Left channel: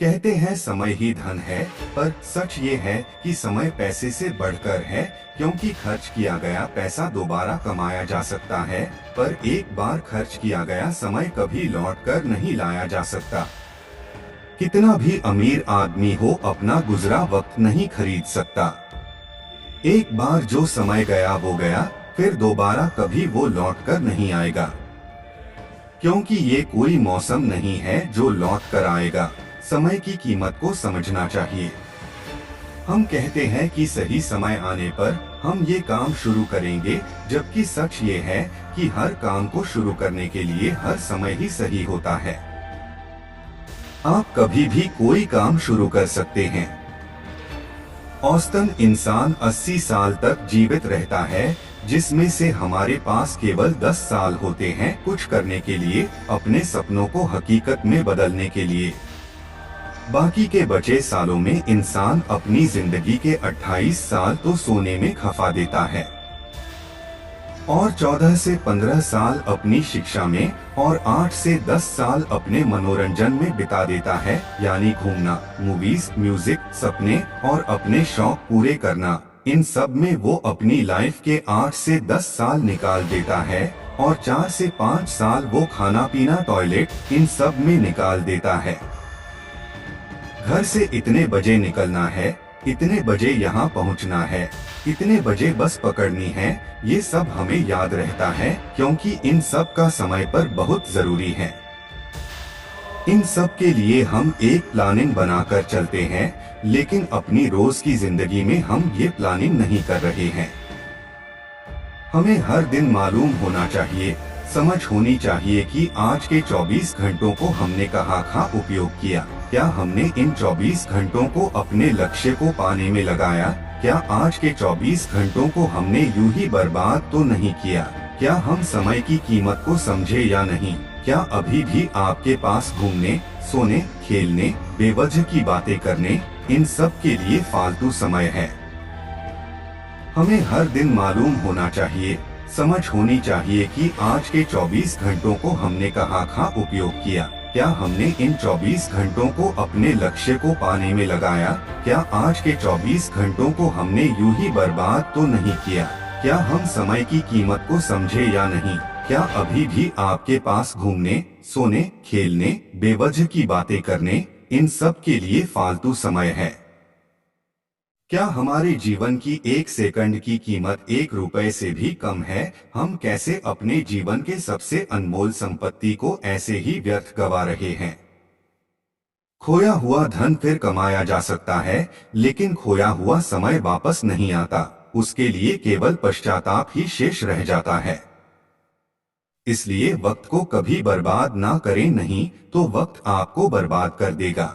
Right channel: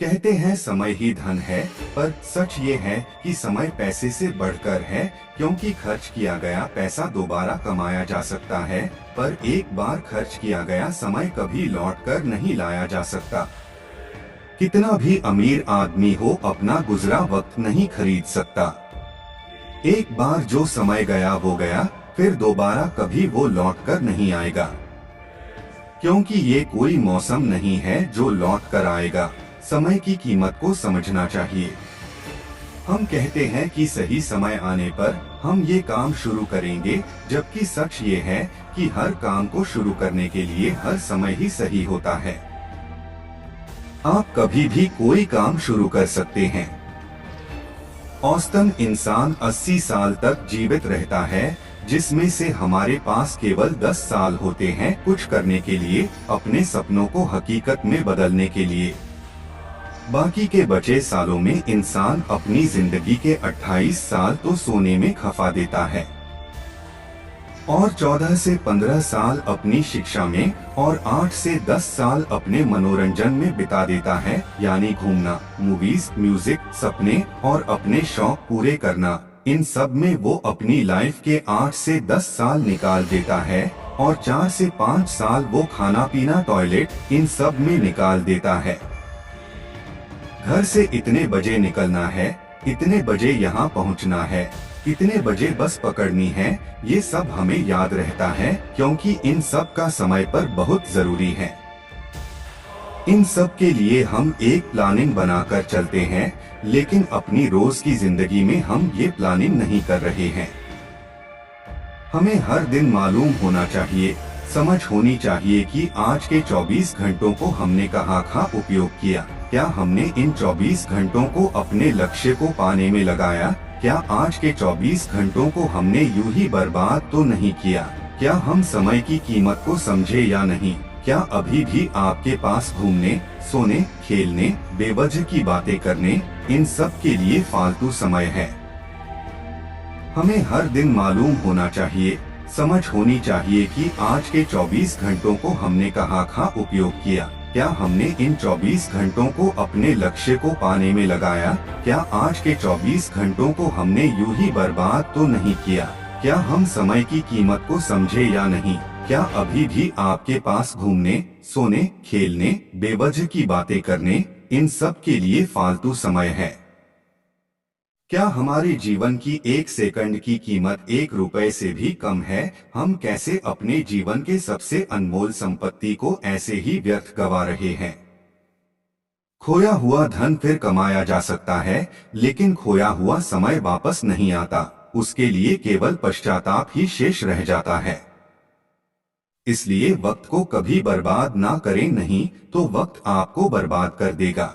कहते हैं समय ही धन है, पर सच ये है कि समय पैसे से बढ़कर है, क्योंकि खर्च किया गया पैसा दोबारा कमाया जा सकता है, पर एक बार खर्च किया गया समय कभी लौटकर नहीं लाया जा सकता। कितना भी अमीर आदमी हो, अपना गुजरा वक्त नहीं खरीद सकता। एक बार जो समय गया वो गया, फिर दोबारा कभी वो लौटकर नहीं आएगा। क्योंकि ये कोई मौसम नहीं है जो लौट कर आएगा। समय की कीमत को समझना चाहिए। हम कहते हैं कि सही समय आने पर हम ये काम शुरू करेंगे, जबकि सच ये है कि हर काम को शुरू करने के लिए हर समय ही सही होता है। आप कभी भी कोई काम शुरू कर सकते हैं। औसतन इंसान 80 साल तक जीवित रहता है, जिसमें से हमारे पास केवल 10 साल होते हैं कुछ करने के लिए, अपने सपनों को हकीकत में बदलने के लिए। बाकी के बचे सालों में इंसान अपनी जिंदगी के 28 साल तो सोने में खपा देता है और 14 से 15 साल अपनी शिक्षा में और 8 से 10 साल अपने मनोरंजन में बिता देता है, यानी घूमना, मूवीज, म्यूजिक, सपने और अपने शौक पूरे करना। इन सब में वो अपनी लाइफ के 8 से 10 साल निकाल देता है और 4 से 5 साल वो खाना पीना, टॉयलेट, इन सब में निकाल देता है। घर से इतने बजे निकलना है, इतने बजे यहाँ पहुँचना है, इतने बजे बस पकड़नी है, ये सब हमें याद रहता है, क्योंकि इन सब का समय पर बहुत जरूरी है। इन सब के लिए हम एक प्लानिंग बनाकर चलते हैं, लेकिन अपनी रोज की जिंदगी में हम ये प्लानिंग नहीं कर रहे हैं। हमें हर दिन मालूम होना चाहिए, समझ होनी चाहिए कि आज के 24 घंटों को हमने कहाँ उपयोग किया। क्या हमने इन 24 घंटों को अपने लक्ष्य को पाने में लगाया? क्या आज के 24 घंटों को हमने यूं ही बर्बाद तो नहीं किया? क्या हम समय की कीमत को समझे या नहीं? क्या अभी भी आपके पास घूमने, सोने, खेलने, बेवजह की बातें करने, इन सब के लिए फालतू समय है? हमें हर दिन मालूम होना चाहिए, समझ होनी चाहिए कि आज के 24 घंटों को हमने कहाँ उपयोग किया। क्या हमने इन 24 घंटों को अपने लक्ष्य को पाने में लगाया? क्या आज के 24 घंटों को हमने यूं ही बर्बाद तो नहीं किया? क्या हम समय की कीमत को समझे या नहीं? क्या अभी भी आपके पास घूमने, सोने, खेलने, बेवजह की बातें करने, इन सब के लिए फालतू समय है? क्या हमारे जीवन की 1 सेकंड की कीमत 1 रुपए से भी कम है? हम कैसे अपने जीवन के सबसे अनमोल संपत्ति को ऐसे ही व्यर्थ गवा रहे हैं? खोया हुआ धन फिर कमाया जा सकता है, लेकिन खोया हुआ समय वापस नहीं आता। उसके लिए केवल पश्चाताप ही शेष रह जाता है। इसलिए वक्त को कभी बर्बाद ना करें, नहीं तो वक्त आपको बर्बाद कर देगा।